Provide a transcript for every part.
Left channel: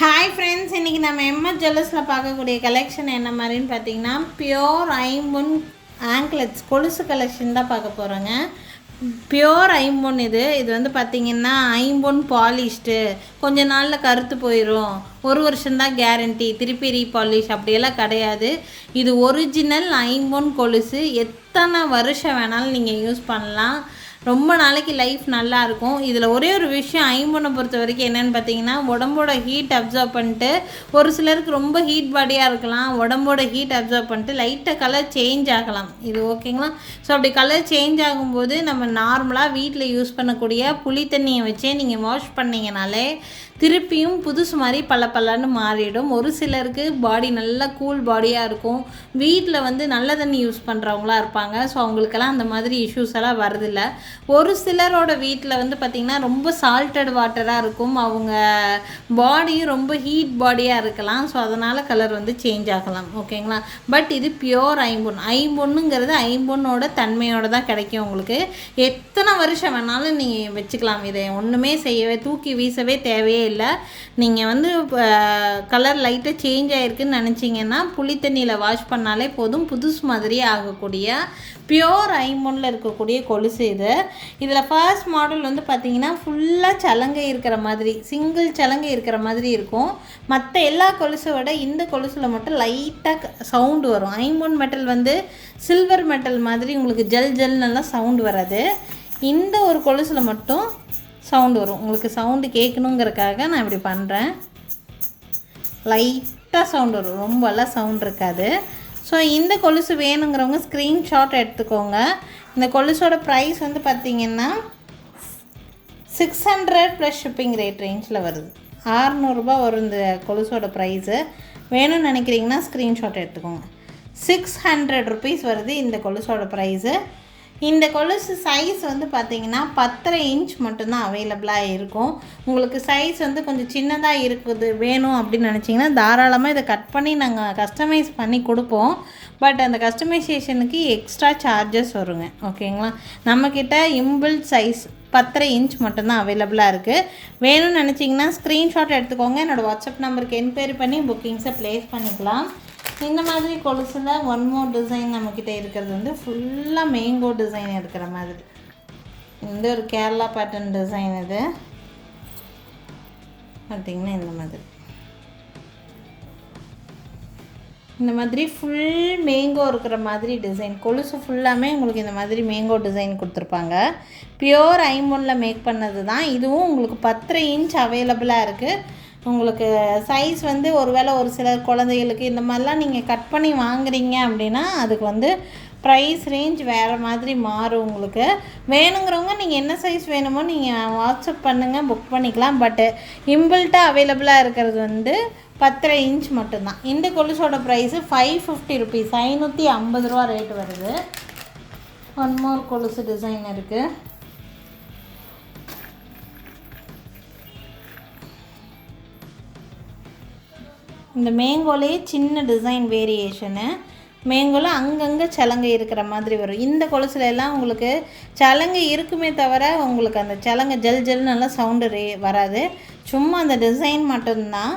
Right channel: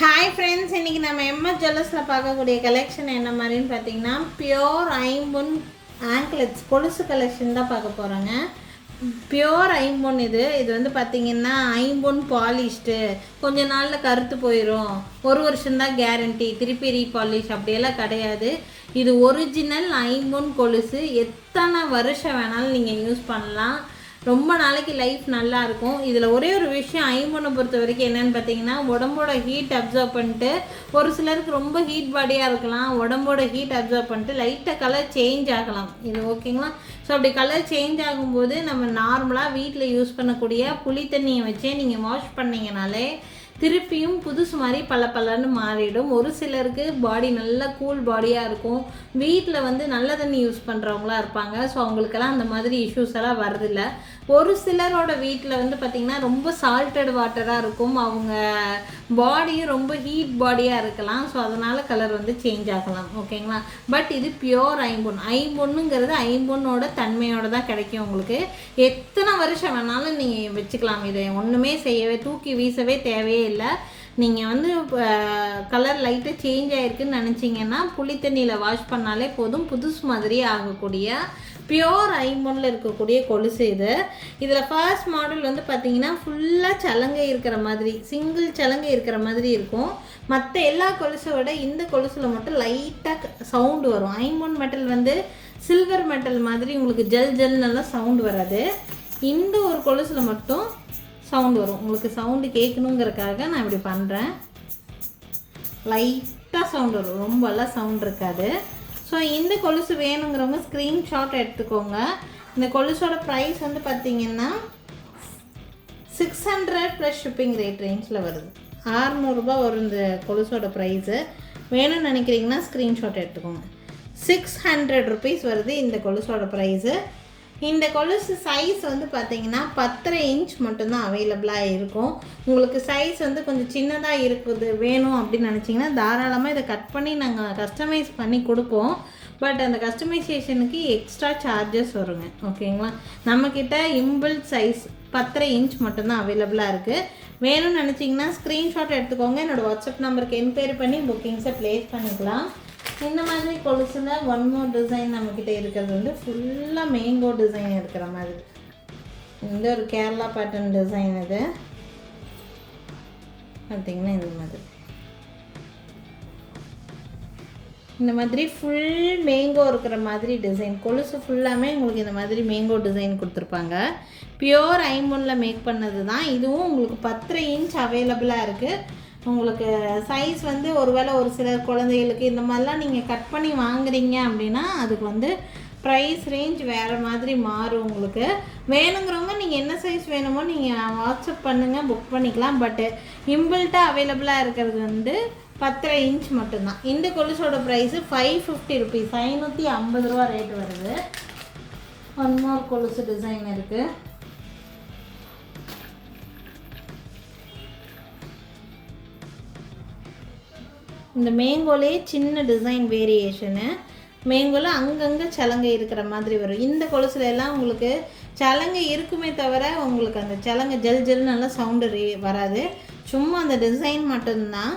Hi friends, இன்றைக்கி நம்ம MS ஜுவல்லர்ஸில் பார்க்கக்கூடிய கலெக்ஷன் என்ன மாதிரின்னு பார்த்தீங்கன்னா பியோர் ஐம்பொன் ஆங்க்லெட்ஸ் கொலுசு கலெக்ஷன் தான் பார்க்க போகிறோங்க. பியோர் ஐம்பொன் இது வந்து பார்த்திங்கன்னா ஐம்பொன் பாலிஷ்டு, கொஞ்ச நாளில் கருத்து போயிடும், ஒரு வருஷம்தான் கேரண்டி, திருப்பி ரீபாலிஷ் அப்படியெல்லாம் கிடையாது. இது ஒரிஜினல் ஐம்பொன் கொலுசு, எத்தனை வருஷம் வேணாலும் நீங்கள் யூஸ் பண்ணலாம், ரொம்ப நாளைக்கு லைஃப் நல்லாயிருக்கும். இதில் ஒரே ஒரு விஷயம் ஐம்பொனை பொறுத்த வரைக்கும் என்னென்னு பார்த்தீங்கன்னா, உடம்போட ஹீட் அப்சர்வ் பண்ணிட்டு, ஒரு சிலருக்கு ரொம்ப ஹீட் பாடியாக இருக்கலாம், உடம்போட ஹீட் அப்சர்வ் பண்ணிட்டு லைட்டாக கலர் சேஞ்ச் ஆகலாம். இது ஓகேங்களா? ஸோ அப்படி கலர் சேஞ்ச் ஆகும்போது நம்ம நார்மலாக வீட்டில் யூஸ் பண்ணக்கூடிய புளி தண்ணியை வச்சே நீங்கள் வாஷ் பண்ணிங்கனாலே திருப்பியும் புதுசு மாதிரி பல்லன்னு மாறிடும். ஒரு சிலருக்கு பாடி நல்லா கூல் பாடியாக இருக்கும், வீட்டில் வந்து நல்ல தண்ணி யூஸ் பண்ணுறவங்களாம் இருப்பாங்க. ஸோ அவங்களுக்கெல்லாம் அந்த மாதிரி இஷ்யூஸ் எல்லாம் வரதில்ல. ஒரு சிலரோட வீட்டில் வந்து பார்த்திங்கன்னா ரொம்ப சால்ட்டட் வாட்டராக இருக்கும், அவங்க பாடியும் ரொம்ப ஹீட் பாடியாக இருக்கலாம். ஸோ அதனால் கலர் வந்து சேஞ்ச் ஆகலாம். ஓகேங்களா? பட் இது பியோர் ஐம்பொன். ஐம்பொன்னுங்கிறது ஐம்பொன்னோட தன்மையோடு தான் கிடைக்கும். உங்களுக்கு எத்தனை வருஷம் வேணாலும் நீங்கள் வச்சுக்கலாம். இதை ஒன்றுமே செய்யவே தூக்கி வீசவே தேவையே இல்லை. நீங்கள் வந்து கலர் லைட்டாக சேஞ்ச் ஆகிருக்குன்னு நினச்சிங்கன்னா புளி தண்ணியில் வாஷ் பண்ணாலே போதும், புதுசு மாதிரியே ஆகக்கூடிய பியோர் ஐம்பொன்னில் இருக்கக்கூடிய கொலுசு இது. இதில் ஃபர்ஸ்ட் மாடல் வந்து பார்த்திங்கன்னா ஃபுல்லாக சலங்கை இருக்கிற மாதிரி, சிங்கிள் சலங்கை இருக்கிற மாதிரி இருக்கும். மற்ற எல்லா கொலுசோட இந்த கொலுசில் மட்டும் லைட்டாக சவுண்டு வரும். ஐம்பொன் மெட்டல் வந்து சில்வர் மெட்டல் மாதிரி உங்களுக்கு ஜல் நல்லா சவுண்டு வராது. இந்த ஒரு கொலுசில் மட்டும் சவுண்டு வரும். உங்களுக்கு சவுண்டு கேட்கணுங்கிறதுக்காக நான் இப்படி பண்ணுறேன். லைட்டாக சவுண்டு வரும், ரொம்பலாம் சவுண்ட் இருக்காது. ஸோ இந்த கொலுசு வேணுங்கிறவங்க ஸ்க்ரீன்ஷாட் எடுத்துக்கோங்க. இந்த கொலுசோட ப்ரைஸ் வந்து பார்த்திங்கன்னா 600 ப்ளஸ் ஷிப்பிங் ரேட் ரேஞ்சில் வருது. 600 ரூபா வரும் இந்த கொலுசோட ப்ரைஸு. வேணும்னு நினைக்கிறீங்கன்னா ஸ்க்ரீன்ஷாட் எடுத்துக்கோங்க. 600 ருபீஸ் வருது இந்த கொலுசோட ப்ரைஸு. இந்த கொலுசு சைஸ் வந்து பார்த்திங்கன்னா 10.5 இன்ச் மட்டும்தான் அவைலபிளாக இருக்கும். உங்களுக்கு சைஸ் வந்து கொஞ்சம் சின்னதாக இருக்குது வேணும் அப்படின்னு நினச்சிங்கன்னா தாராளமாக இதை கட் பண்ணி நாங்கள் கஸ்டமைஸ் பண்ணி கொடுப்போம். பட் அந்த கஸ்டமைசேஷனுக்கு எக்ஸ்ட்ரா சார்ஜஸ் வருங்க. ஓகேங்களா? நம்மக்கிட்ட இம்பிள் சைஸ் 10.5 இன்ச் மட்டும்தான் அவைலபிளாக இருக்குது. வேணும்னு நினச்சிங்கன்னா ஸ்க்ரீன்ஷாட் எடுத்துக்கோங்க. என்னோடய வாட்ஸ்அப் நம்பருக்கு என்கொயரி பண்ணி புக்கிங்ஸை ப்ளேஸ் பண்ணிக்கலாம். இந்த மாதிரி கொலுசில் ஒன் மோர் டிசைன் நம்மக்கிட்ட இருக்கிறது வந்து ஃபுல்லாக மேங்கோ டிசைன் இருக்கிற மாதிரி. இந்த ஒரு கேரளா பேட்டர்ன் டிசைன் இது பார்த்திங்கன்னா இந்த மாதிரி ஃபுல் மேங்கோ இருக்கிற மாதிரி டிசைன். கொலுசு ஃபுல்லாமே உங்களுக்கு இந்த மாதிரி மேங்கோ டிசைன் கொடுத்துருப்பாங்க. பியோர் ஐம்பொன்னில் மேக் பண்ணது தான். இதுவும் உங்களுக்கு 10.5 இன்ச் அவைலபிளாக இருக்குது. உங்களுக்கு சைஸ் வந்து ஒருவேளை ஒரு சில குழந்தைகளுக்கு இந்த மாதிரிலாம் நீங்கள் கட் பண்ணி வாங்குறீங்க அப்படின்னா அதுக்கு வந்து ப்ரைஸ் ரேஞ்ச் வேறு மாதிரி மாறும். உங்களுக்கு வேணுங்கிறவங்க நீங்கள் என்ன சைஸ் வேணுமோ நீங்கள் வாட்ஸ்அப் பண்ணுங்கள், புக் பண்ணிக்கலாம். பட்டு இம்பிள்ட்டாக அவைலபிளாக இருக்கிறது வந்து 10.5 இன்ச் மட்டும்தான். இந்த கொலுசோட ப்ரைஸு 550 ருபீஸ், 550 ரூபா ரேட்டு வருது. ஒன் மோர் கொலுசு டிசைன் இருக்குது. இந்த மேங்கோலே சின்ன டிசைன் வேரியேஷனு, மேங்கோவில் அங்கங்கே சலங்கை இருக்கிற மாதிரி வரும். இந்த கொலுசுல எல்லாம் உங்களுக்கு சலங்கை இருக்குமே தவிர உங்களுக்கு அந்த சலங்கை ஜல் நல்லா சவுண்டு வராது, சும்மா அந்த டிசைன் மட்டும்தான்.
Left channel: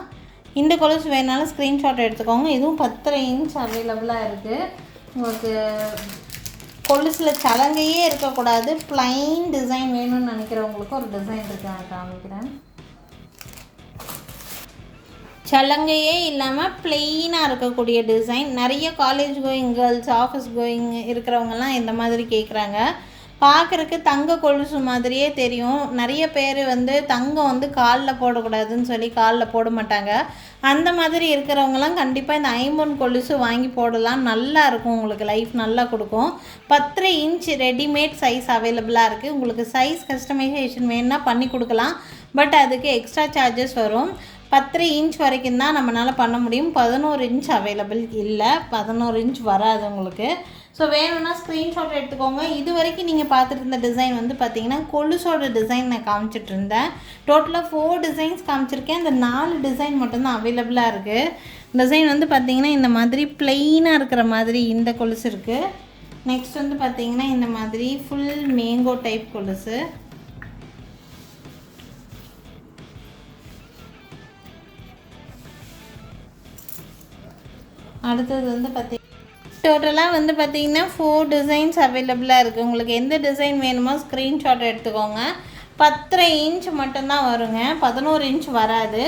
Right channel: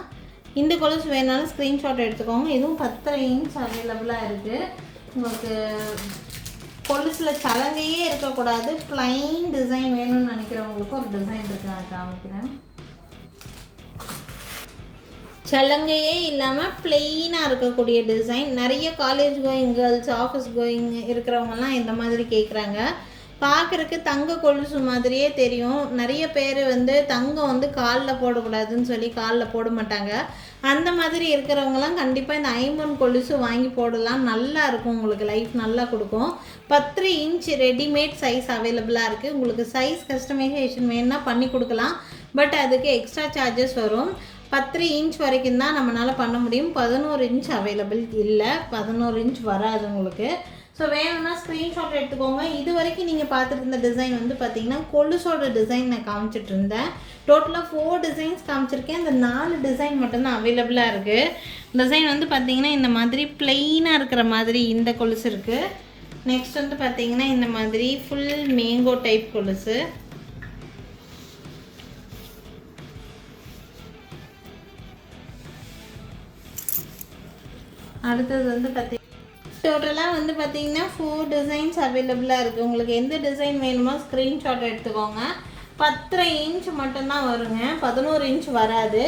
இந்த கொலுசு வேணாலும் ஸ்க்ரீன்ஷாட் எடுத்துக்கோங்க. இதுவும் 10.5 இன்ச் அவைலபிளாக இருக்குது. உங்களுக்கு கொலுசில் சலங்கையே இருக்கக்கூடாது, ப்ளைன் டிசைன் வேணும்னு நினைக்கிறவங்களுக்கு ஒரு டிசைன் இருக்குது, நான் காமிக்கிறேன். சலங்கையே இல்லாமல் ப்ளெயினாக இருக்கக்கூடிய டிசைன். நிறைய college going girls, office going இருக்கிறவங்கலாம் இந்த மாதிரி கேட்குறாங்க. பார்க்குறக்கு தங்க கொலுசு மாதிரியே தெரியும். நிறைய பேர் வந்து தங்கம் வந்து காலில் போடக்கூடாதுன்னு சொல்லி காலில் போட மாட்டாங்க. அந்த மாதிரி இருக்கிறவங்கலாம் கண்டிப்பாக இந்த ஐம்பொன் கொலுசு வாங்கி போடலாம். நல்லா இருக்கும், உங்களுக்கு லைஃப் நல்லா கொடுக்கும். 10 இன்ச் ரெடிமேட் சைஸ் அவைலபிளாக இருக்குது. உங்களுக்கு சைஸ் கஸ்டமைசேஷன் வேணுன்னா பண்ணி கொடுக்கலாம். பட் அதுக்கு எக்ஸ்ட்ரா சார்ஜஸ் வரும். 10 இன்ச் வரைக்கும் தான் நம்மளால் பண்ண முடியும். 11 இன்ச் அவைலபிள் இல்லை, 11 இன்ச் வராது உங்களுக்கு. ஸோ வேணும்னா ஸ்க்ரீன்ஷாட் எடுத்துக்கோங்க. இது வரைக்கும் நீங்கள் பார்த்துட்டு இருந்த டிசைன் வந்து பார்த்திங்கன்னா கொலுசோட டிசைன் நான் காமிச்சிட்டு இருந்தேன். டோட்டலாக 4 டிசைன்ஸ் காமிச்சிருக்கேன். அந்த 4 டிசைன் மட்டும்தான் அவைலபிளாக இருக்குது. டிசைன் வந்து பார்த்திங்கன்னா இந்த மாதிரி ப்ளெயினாக இருக்கிற மாதிரி இந்த கொலுசு இருக்குது. நெக்ஸ்ட் வந்து பார்த்திங்கன்னா இந்த மாதிரி ஃபுல் மேங்கோ டைப் கொலுசு. அடுத்தது வந்து டோட்டலாக வந்து பார்த்திங்கன்னா 4 டிசைன்ஸ் அவைலபிளாக இருக்குது. உங்களுக்கு எந்த டிசைன் வேணுமோ ஸ்க்ரீன்ஷாட் எடுத்துக்கோங்க. 10.5 இன்ச் மட்டும்தான் வருங்க, 11 இன்ச் வராது.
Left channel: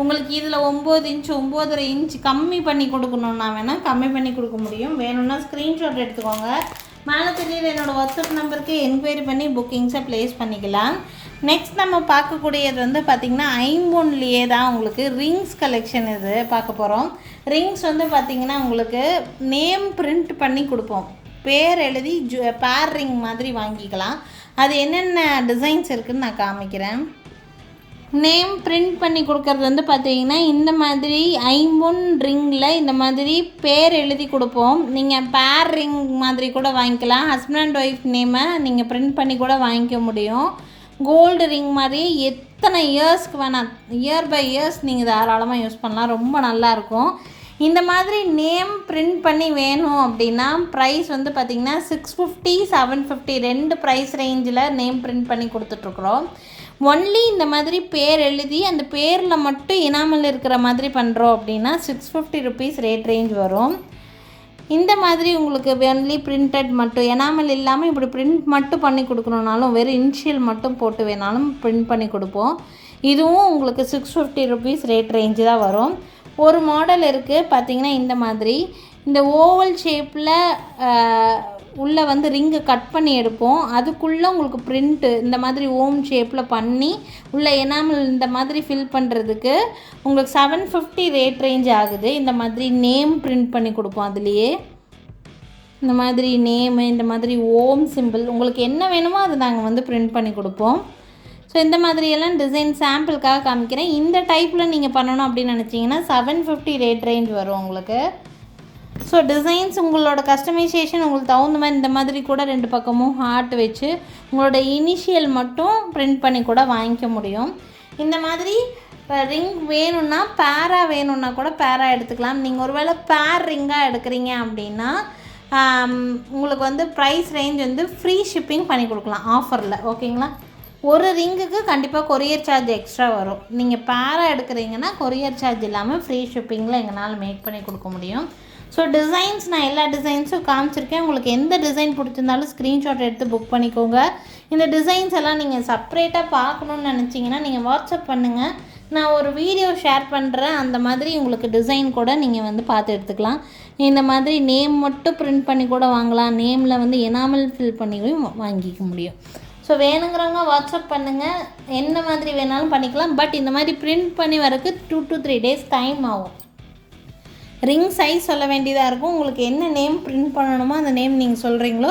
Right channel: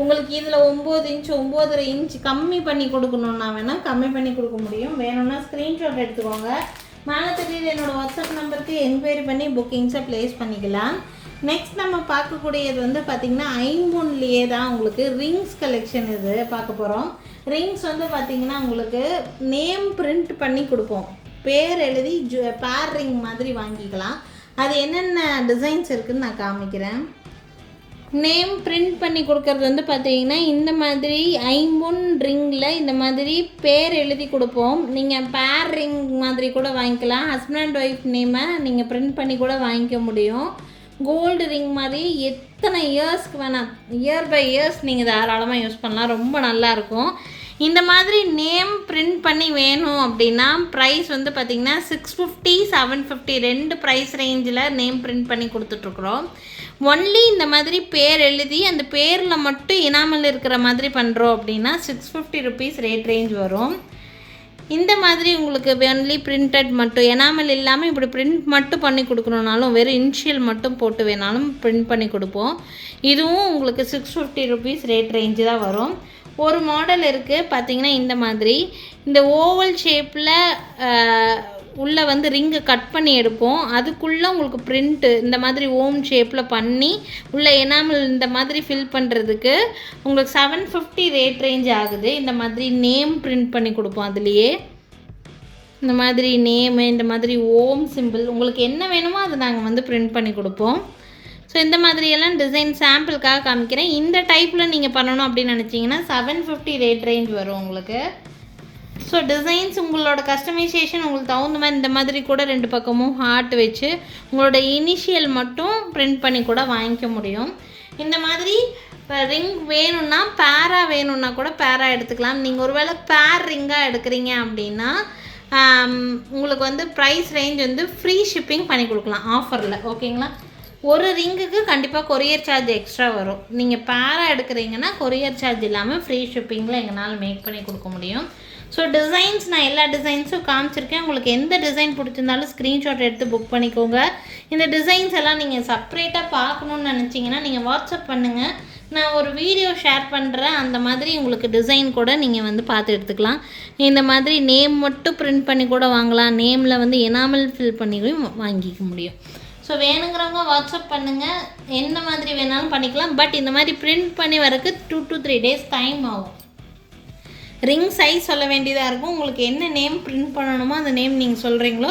உங்களுக்கு இதில் 9 இன்ச் 9.5 இன்ச் கம்மி பண்ணி கொடுக்கணுன்னா வேணால் கம்மி பண்ணி கொடுக்க முடியும். வேணும்னா ஸ்க்ரீன்ஷாட் எடுத்துக்கோங்க. மேலே தெரியுது என்னோடய வாட்ஸ்அப் நம்பருக்கு என்கொயரி பண்ணி புக்கிங்ஸை ப்ளேஸ் பண்ணிக்கலாம். நெக்ஸ்ட் நம்ம பார்க்கக்கூடியது வந்து பார்த்திங்கன்னா ஐம்பொன்லேயே தான் உங்களுக்கு ரிங்ஸ் கலெக்ஷன் இது பார்க்க போகிறோம். ரிங்ஸ் வந்து பார்த்திங்கன்னா உங்களுக்கு நேம் பிரிண்ட் பண்ணி கொடுப்போம். பேர் எழுதி பேர் ரிங் மாதிரி வாங்கிக்கலாம். அது என்னென்ன டிசைன்ஸ் இருக்குதுன்னு நான் காமிக்கிறேன். நேம் பிரிண்ட் பண்ணி கொடுக்கறது வந்து பார்த்திங்கன்னா இந்த மாதிரி ஐம்பொன் ரிங்கில் இந்த மாதிரி பேர் எழுதி கொடுப்போம். நீங்கள் பேர் ரிங் மாதிரி கூட வாங்கிக்கலாம். ஹஸ்பண்ட் அண்ட் ஒய்ஃப் நேமை நீங்கள் பிரிண்ட் பண்ணி கூட வாங்கிக்க முடியும். கோல்டு ரிங் மாதிரி எத்தனை இயர்ஸ்க்கு வேணால் இயர் பை இயர்ஸ் நீங்கள் தாராளமாக யூஸ் பண்ணலாம். ரொம்ப நல்லாயிருக்கும். இந்த மாதிரி நேம் பிரிண்ட் பண்ணி வேணும் அப்படின்னா ப்ரைஸ் வந்து பார்த்திங்கன்னா 650 750 2 ப்ரைஸ் ரேஞ்சில் நேம் பிரிண்ட் பண்ணி கொடுத்துட்ருக்குறோம். ஒன்லி இந்த மாதிரி பேர் எழுதி அந்த பேரில் மட்டும் இனாமல் இருக்கிற மாதிரி பண்ணுறோம் அப்படின்னா 650 ருபீஸ் ரேட் ரேஞ்ச் வரும். இந்த மாதிரி உங்களுக்கு ஒன்லி பிரிண்டட் மட்டும் எனாமல் இல்லாமல் இப்படி பிரிண்ட் மட்டும் பண்ணி கொடுக்கணுன்னாலும் வெறும் இனிஷியல் மட்டும் போட்டு வேணாலும் பிரிண்ட் பண்ணி கொடுப்போம். இதுவும் உங்களுக்கு 650 ருபீஸ் ரேட் ரேஞ்சு தான் வரும். ஒரு மாடல் இருக்குது பார்த்திங்கன்னா இந்த மாதிரி இந்த ஓவல் ஷேப்பில் உள்ளே வந்து ரிங்கு கட் பண்ணி எடுப்போம். அதுக்குள்ளே உங்களுக்கு பிரிண்ட்டு இந்த மாதிரி ஓம் ஷேப்பில் பண்ணி உள்ளே எனாமல் இந்த மாதிரி ஃபில் பண்ணுறதுக்கு உங்களுக்கு 750 ரேட் ரேஞ்ச் ஆகுது. இந்த மாதிரி நேம் பிரிண்ட் பண்ணி கொடுப்போம். அதுலேயே இந்த மாதிரி நேமு இந்த மாதிரி ஓம் சிம்பிள் உங்களுக்கு என்ன வேணுமோ அது நாங்கள் வந்து பிரிண்ட் பண்ணி கொடுப்போம். ஸோ இந்த மாதிரியெல்லாம் டிசைன் சாம்பிளுக்காக காமிக்கிறேன். இந்த டைப்பில் நீங்கள் பண்ணணும் அப்படின்னு நினச்சிங்கன்னா 750 ரேட் ரேஞ்ச் வரும் உங்களுக்கு. ஸோ டிசைன்ஸ் உங்களோட கஸ்டமைசேஷன் உங்களுக்கு தகுந்த மாதிரி இந்த மாதிரி கூட 2 பக்கமும் ஹார்ட் வச்சு உங்களோட இனிஷியல் மட்டும் பிரிண்ட் பண்ணி கூட வாங்கிக்க முடியும். இந்த மாதிரி ரிங் வேணும்னா பேரா வேணும்னா கூட பேரா எடுத்துக்கலாம். நீங்கள் ஒருவேளை பேர் ரிங்காக எடுக்கிறீங்க அப்படின்னா உங்களுக்கு வந்து ப்ரைஸ் ரேஞ்ச் வந்து ஃப்ரீ ஷிப்பிங் பண்ணி கொடுக்கலாம் ஆஃபரில். ஓகேங்களா? ஒரு ரிங்குக்கு கண்டிப்பாக கொரியர் சார்ஜ் எக்ஸ்ட்ரா வரும். நீங்கள் பேரா எடுக்கிறீங்கன்னா கொரியர் சார்ஜ் இல்லாமல் ஃப்ரீ ஷிப்பிங்கில் எங்களால் மேக் பண்ணி கொடுக்க முடியும். ஸோ டிசைன்ஸ் நான் எல்லா டிசைன்ஸும் காமிச்சிருக்கேன். உங்களுக்கு எந்த டிசைன் பிடிச்சிருந்தாலும் ஸ்க்ரீன்ஷாட் எடுத்து புக் பண்ணிக்கோங்க. இந்த டிசைன்ஸ் எல்லாம் நீங்கள் செப்ரேட்டாக பார்க்கணுன்னு நினச்சிங்கன்னா நீங்கள் வாட்ஸ்அப் பண்ணுங்கள். நான் ஒரு வீடியோ ஷேர் பண்ணுறேன். அந்த மாதிரி உங்களுக்கு டிசைன் கூட நீங்கள் வந்து பார்த்து எடுத்துக்கலாம். இந்த மாதிரி நேம் மட்டும் பிரிண்ட் பண்ணி கூட வாங்கலாம். நேமில் வந்து எனாமல் ஃபில் பண்ணியும் வாங்கிக்க முடியும். ஸோ வேணுங்கிறவங்க வாட்ஸ்அப் பண்ணுங்கள். என்ன மாதிரி வேணாலும் பண்ணிக்கலாம். பட் இந்த மாதிரி பிரிண்ட் பண்ணி வரக்கு 2 to 3 days டைம் ஆகும். ரிங் சைஸ் சொல்ல வேண்டியதாக இருக்கும். உங்களுக்கு என்ன நேம் பிரிண்ட் பண்ணணுமோ அந்த நேம் நீங்கள் சொல்கிறீங்களோ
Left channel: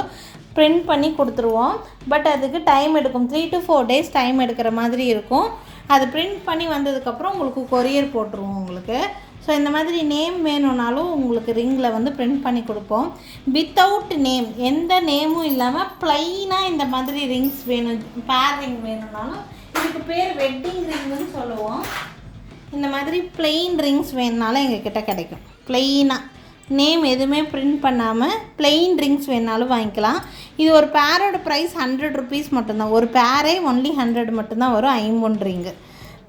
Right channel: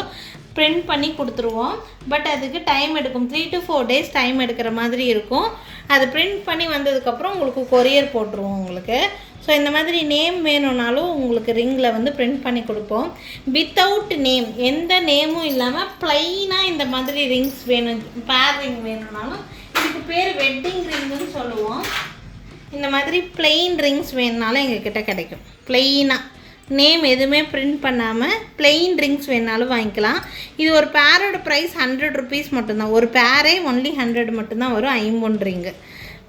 பிரிண்ட் பண்ணி கொடுத்துருவோம். பட் அதுக்கு டைம் எடுக்கும். 3 to 4 days டைம் எடுக்கிற மாதிரி இருக்கும். அது பிரிண்ட் பண்ணி வந்ததுக்கப்புறம் உங்களுக்கு கொரியர் போட்டுருவோம் உங்களுக்கு. ஸோ இந்த மாதிரி நேம் வேணும்னாலும் உங்களுக்கு ரிங்கில் வந்து பிரிண்ட் பண்ணி கொடுப்போம். வித்தவுட் நேம் எந்த நேமும் இல்லாமல் ப்ளைனாக இந்த மாதிரி ரிங்ஸ் வேணும். பேர் ரிங் வேணும்னாலும் இதுக்கு பேர் வெட்டிங் ரிங்குன்னு சொல்லுவோம். இந்த மாதிரி பிளெயின் ரிங்ஸ் வேணுனாலும் எங்ககிட்ட கிடைக்கும். பிளெயினாக நேம் எதுவுமே பிரிண்ட் பண்ணாமல் பிளெயின் ரிங்ஸ் வேணாலும் வாங்கிக்கலாம். இது ஒரு பேரோட ப்ரைஸ் 100 ருபீஸ் மட்டும்தான். ஒரு பேரே ஒன்லி 100 மட்டும்தான் வரும். ஐம்பொன் ரிங்கு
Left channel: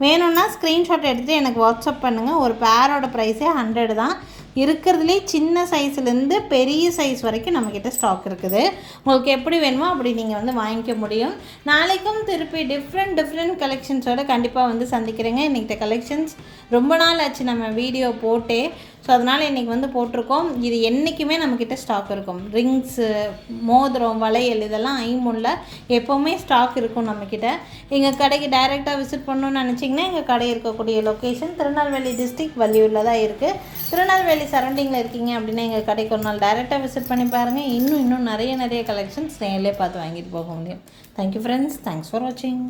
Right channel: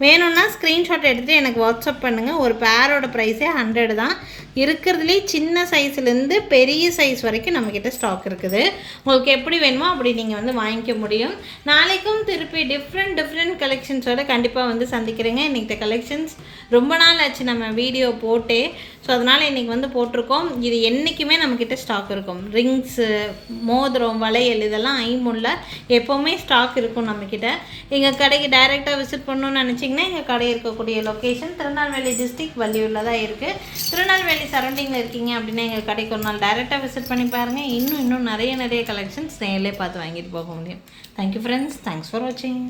வேணும்னா ஸ்க்ரீன்ஷாட் எடுத்துகிட்டு எனக்கு வாட்ஸ்அப் பண்ணுங்கள். ஒரு பேரோட ப்ரைஸே 100 தான். இருக்கிறதுலே சின்ன சைஸ்லேருந்து பெரிய சைஸ் வரைக்கும் நம்மக்கிட்ட ஸ்டாக் இருக்குது. உங்களுக்கு எப்படி வேணுமோ அப்படி நீங்கள் வந்து வாங்கிக்க முடியும். நாளைக்கும் திருப்பி டிஃப்ரெண்ட் கலெக்ஷன்ஸோடு கண்டிப்பாக வந்து சந்திக்கிறேங்க. இன்றைக்கி கலெக்ஷன்ஸ் ரொம்ப நாள் ஆச்சு நம்ம வீடியோ போட்டே. ஸோ அதனால் இன்றைக்கி வந்து போட்டிருக்கோம். இது என்றைக்குமே நம்மக்கிட்ட ஸ்டாக் இருக்கும். ரிங்ஸு, மோதிரம், வளையல் இதெல்லாம் ஐம்பொன்ல எப்போவுமே ஸ்டாக் இருக்கும் நம்மக்கிட்ட. எங்கள் கடைக்கு டைரெக்டாக விசிட் பண்ணணுன்னு நினச்சிங்கன்னா எங்கள் கடை இருக்கக்கூடிய லொக்கேஷன் திருநெல்வேலி டிஸ்ட்ரிக்ட் வள்ளியூரில் தான் இருக்குது. திருநெல்வேலி சரௌண்டிங்கில் இருக்கீங்க அப்படின்னா எங்கள் கடைக்கு ஒரு நாள் டைரெக்டாக விசிட் பண்ணி பாருங்கள். இன்னும் நிறைய கலெக்ஷன்ஸ் நேரிலே பார்த்து வாங்கிட்டு போக முடியும். Thank you friends. தேங்க்ஸ் ஃபார் வாட்சிங்.